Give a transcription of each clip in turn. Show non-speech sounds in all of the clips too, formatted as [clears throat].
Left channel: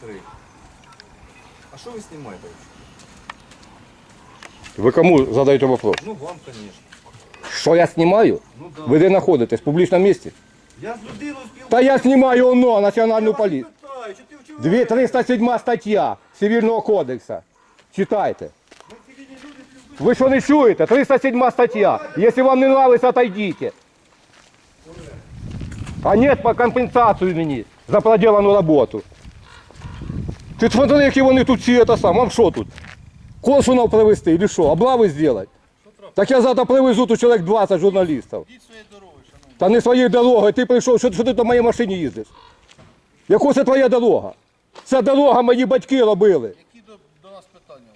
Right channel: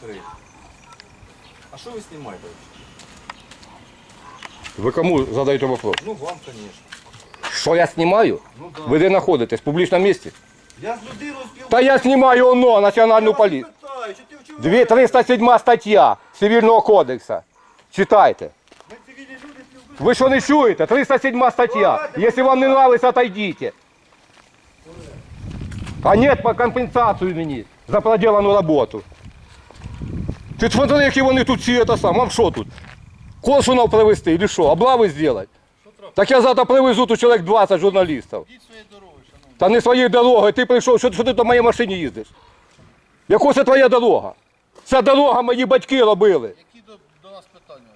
Три. А что вы снимаете вообще? Ви кому задаєте вопрос? Ну, вам, конечно. Що я знімаю? Ну да. Ви де знаходитесь? В публічному місці? Я з людиною спілкуюся. Та я знімаю оно, національну поліцію. Питаю, що ти вчора... Дві- 307 стаття Цивільного кодексу. Читайте. Ми цивільні люди спілкуємося. Ви що не чуєте? 307 стаття. Якщо вам не нравится, отойдите. А нет, по компенсацію мені за проделану роботу. Ти смотри, які вони тут всі це сам. Вам що тут? Консунов привезти или що? Облави зробити? Так я завтра привезу тут чоловік 20 журналістів. Йдіть своєю дорогою, шановні. Та не своєю дорогою, ти прийшов, що, що ти на моїй машині їздиш? Яку це твоя дорога? Ця дорога мої батьки робили. Які до, до нас питання?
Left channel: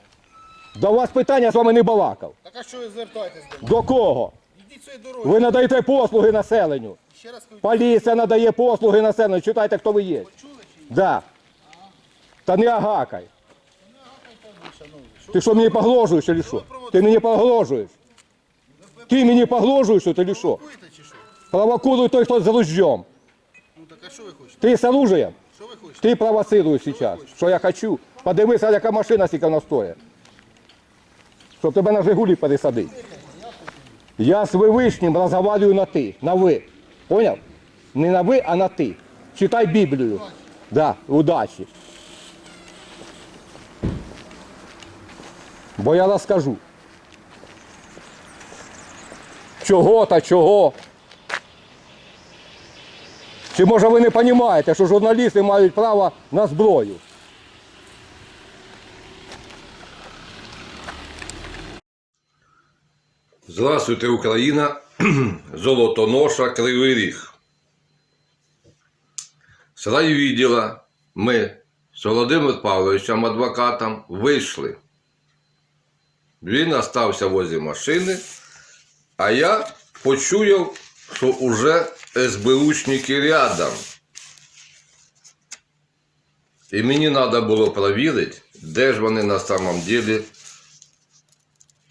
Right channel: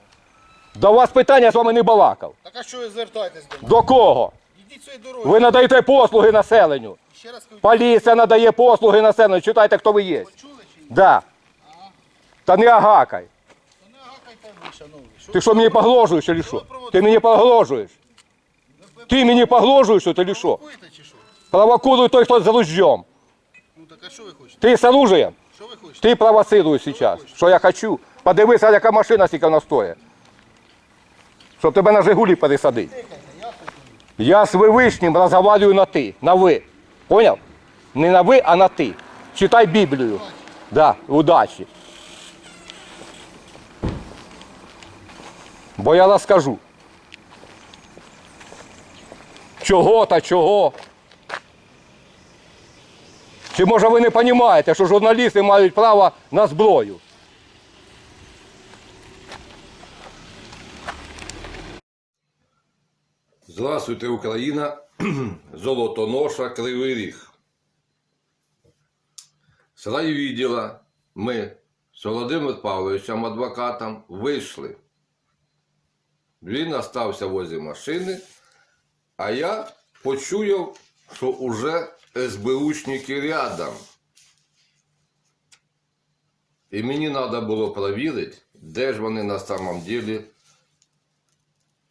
До вас питання я з вами не балакав. Так а що ви звертаєтесь до нас? До кого? Йдіть своєю дорогою. Ви надаєте послуги населенню. Ще раз кажу, Поліція надає послуги населенню. Читайте, хто ви є. чули чи ні? Да. Та не агакай. Ти що мені погрожуєш чи що? Ти мені погрожуєш. Ти мені погрожуєш, чи що? Провокуй той, хто з ружьем. Ну так а що ви хочете? Ти з оружием. Що ви хочете? Ти провоцируєш зараз. Що я хочу. Подивися, яка машина скільки вона стоїть. Щоб тебе на Жигулі пересадити. Я з Вивишнім розмовляю на ти, на ви. Поняв? Не на ви, а на ти. Читай Біблію. Да, удачі. Бо я розкажу. Чого та чого. Чи може ви не розумієте, що журналісти мають право на зброю? Здравствуйте, Україна. [clears throat] Золотоноша, Кривий Ріг. З райвідділа ми з Володимиром Павловичем, адвокатом, вийшли. Він остався возле машини, а я почуяв, що уже СБУшники рядом. І мені треба було перевірити, де ж вони на самом деле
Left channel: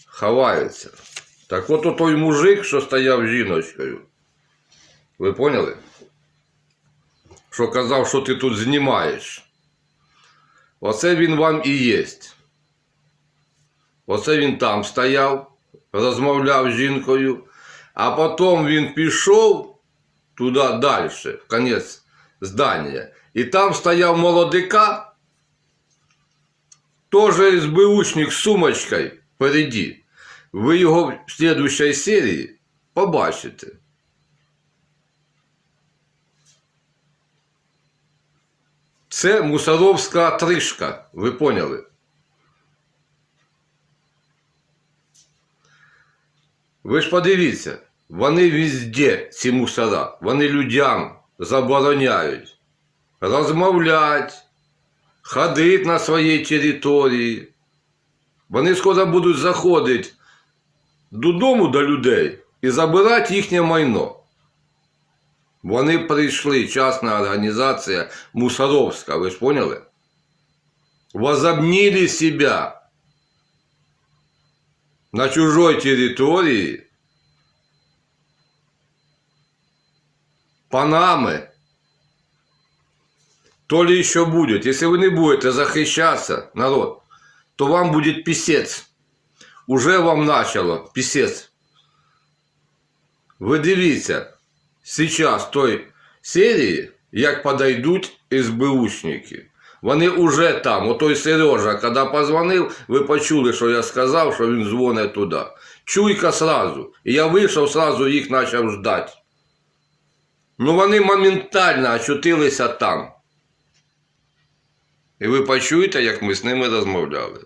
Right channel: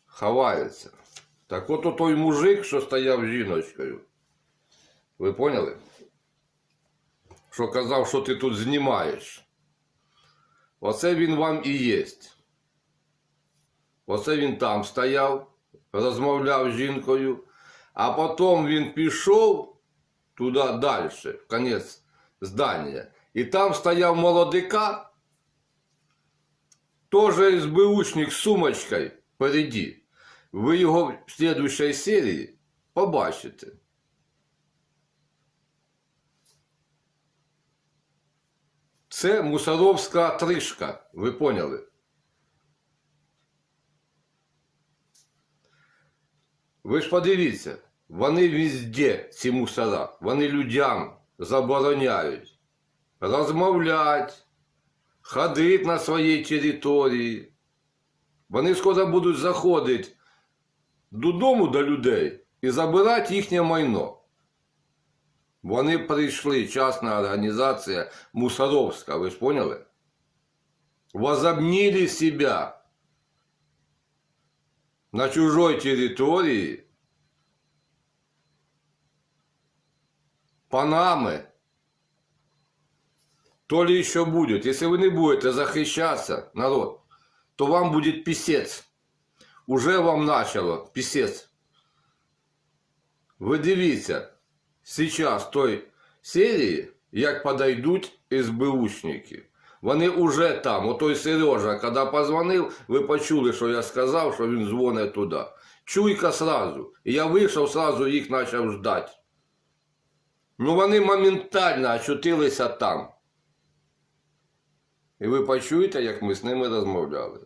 ховаються. Так от той мужик, що стояв жіночкою. Ви поняли? Що казав, що ти тут знімаєш. Оце він вам і єсть. Оце він там стояв, розмовляв з жінкою, а потім він пішов туди далі, в конець здання. І там стояв молодика, теж СБУшник з сумочкою впереді. Ви його в слідущій серії побачите. Це мусоровська тришка, ви поняли? Ви ж подивіться, вони везде, ці мусора, вони людям забороняють розмовляти, ходити на своїй території. Вони скоро будуть заходити додому до людей і забирати їхнє майно. Вони прийшли, частна організація Мусоровська, ви ж поняли? Возобнили себя на чужой территории Панамы. То ли еще будет. Если вы не будете захищаться, народ, то вам будет писец. Уже вам начало писец. Ви дивіться, зараз той серії, як подойдуть СБУшники. Вони уже там. Отой Сережа, коли позвонив, ви почули, що я сказав, що він дзвонить туди. Чуйка сразу. І я вийшов, сразу їх почав ждати. Ну вони моментально очутилися там. І ви почуєте, як ми з ними розмовляли.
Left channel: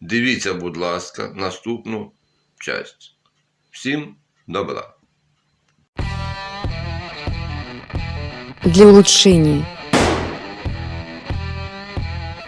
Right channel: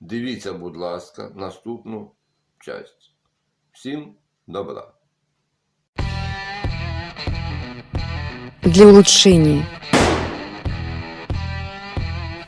Дивіться, будь ласка, наступну часть. Всім добра. для улучшения